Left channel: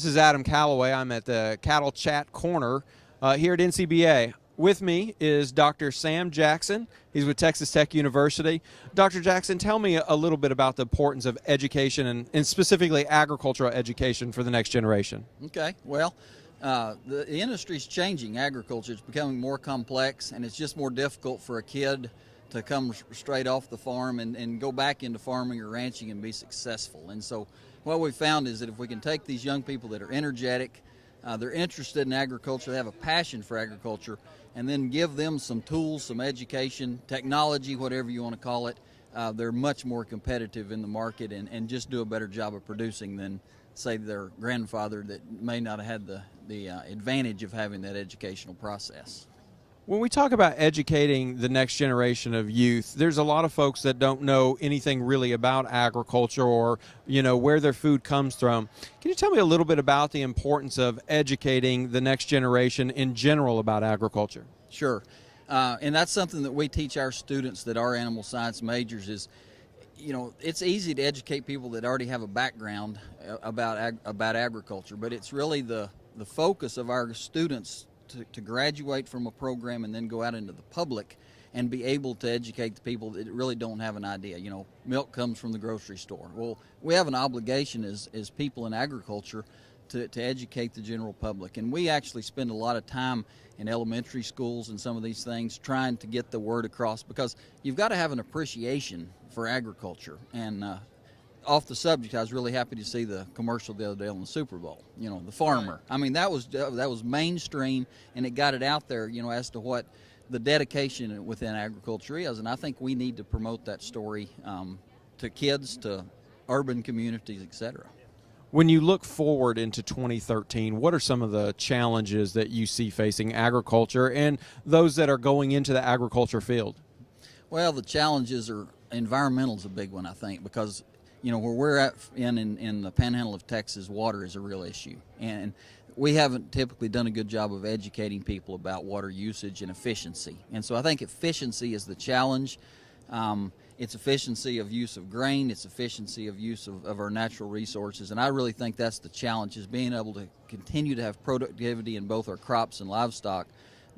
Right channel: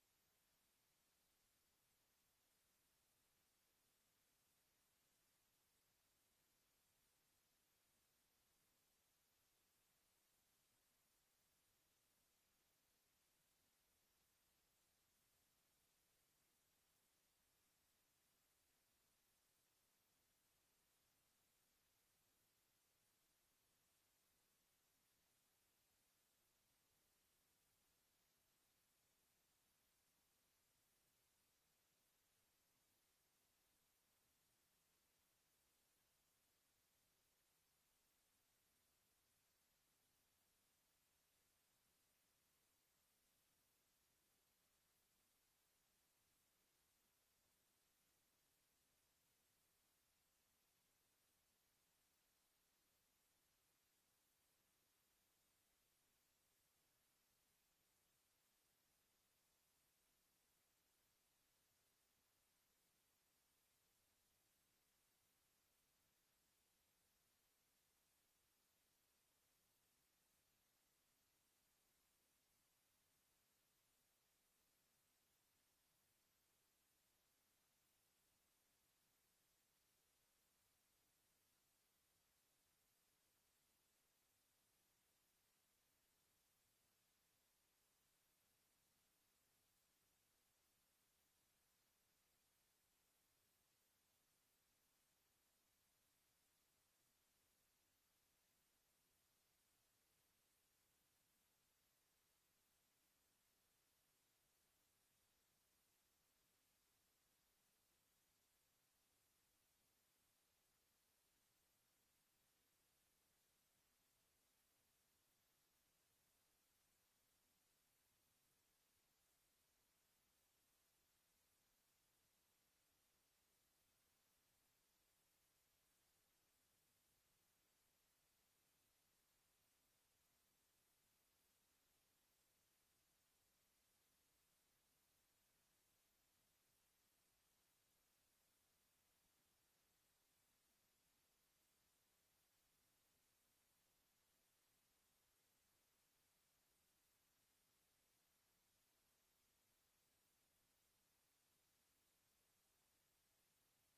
This is Adam Calaway. I'm at the Cattle Chat Corner here at NCBA. With me is Dr. Sam Jackson. He's with Texas Tech University. Dr. Jackson, tell me a little bit about the importance of education and specifically agricultural education for the next generation. Okay, well, the industry's changing. Agriculture is becoming more complex, and it's just more difficult for a kid to come straight off the farm and go back into farming or ranching and be successful. And so what we found is that if we can take these young people that are energetic, they're interested in agriculture, they have a passion for agriculture, and then give them some tools, some education, technology, whatever you want to call it, they're much more competitive in the market and just do a better job of producing than, say, their grandfather that may not have had the advantage of having that educational process. When we talk about educating the next generation of youth, there's a lot of folks that don't know anything really about agriculture or, where their food comes from. Can you tell me a little bit about the importance of educating the next generation in general about agriculture? Sure. And that's something that we teach our students that are animal science majors is, it's easy to educate people that already have a background about agriculture, but it's really the focus of our students to graduate from a program and then go out into the public and be able to educate the people that really don't have an idea. Milk comes from the grocery store. Well, we have an obligation as people in agriculture to educate the general public. And we actually spend a lot of time in elementary schools and some of these things trying to get the word across, because you've got to have an appreciation for agriculture. And off the subject, I was really happy to see the commercial the other day on the Super Bowl, the farmer. I mean, that was mainstream, and it got it out there, as to what the dedication within agriculture is. And I think we need to promote that story to kids, to urban communities, etc. When you look forward into 2013, what are some of the challenges that you see facing agriculture and those that are going into the agriculture field? Well, the challenges are environmental is a big one, I think, because where we're at in the panhandle of Texas, water is a real issue. And we haven't typically done a good job of educating people about water usage and efficiency. And so I think efficiency is the challenge. It's efficiency of use of grain. It's efficiency of use of our natural resources. And I really think that's the challenge, is being able to continue to have productivity in both our crops and livestock,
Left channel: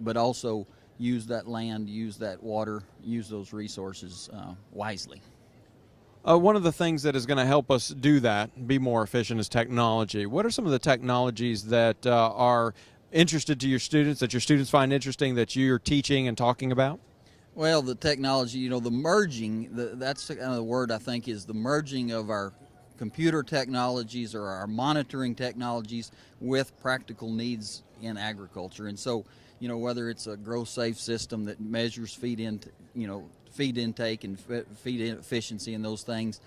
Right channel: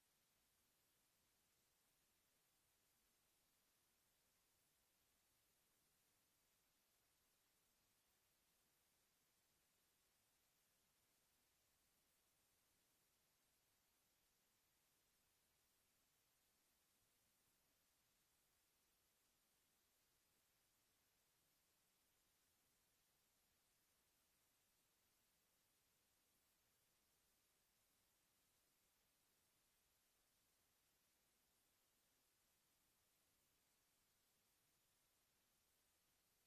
but also use that land, use that water, use those resources wisely. One of the things that is going to help us do that, be more efficient, is technology. What are some of the technologies that are interested to your students, that your students find interesting, that you're teaching and talking about? Well, the technology, the merging, that's kind of the word I think, is the merging of our computer technologies or our monitoring technologies with practical needs in agriculture. And so, whether it's a grow safe system that measures feed intake and feed efficiency and those things,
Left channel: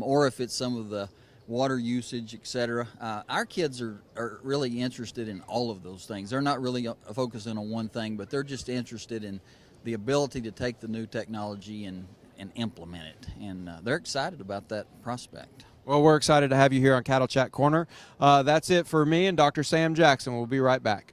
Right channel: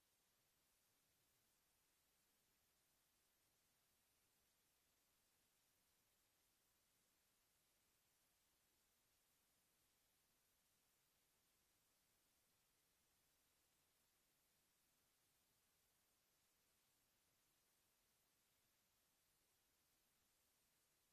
or if it's some of the water usage, etc. Our kids are really interested in all of those things. They're not really focusing on one thing, but they're just interested in the ability to take the new technology and implement it. And they're excited about that prospect. Well, we're excited to have you here on Cattle Chat Corner. That's it for me and Dr. Sam Jackson. We'll be right back.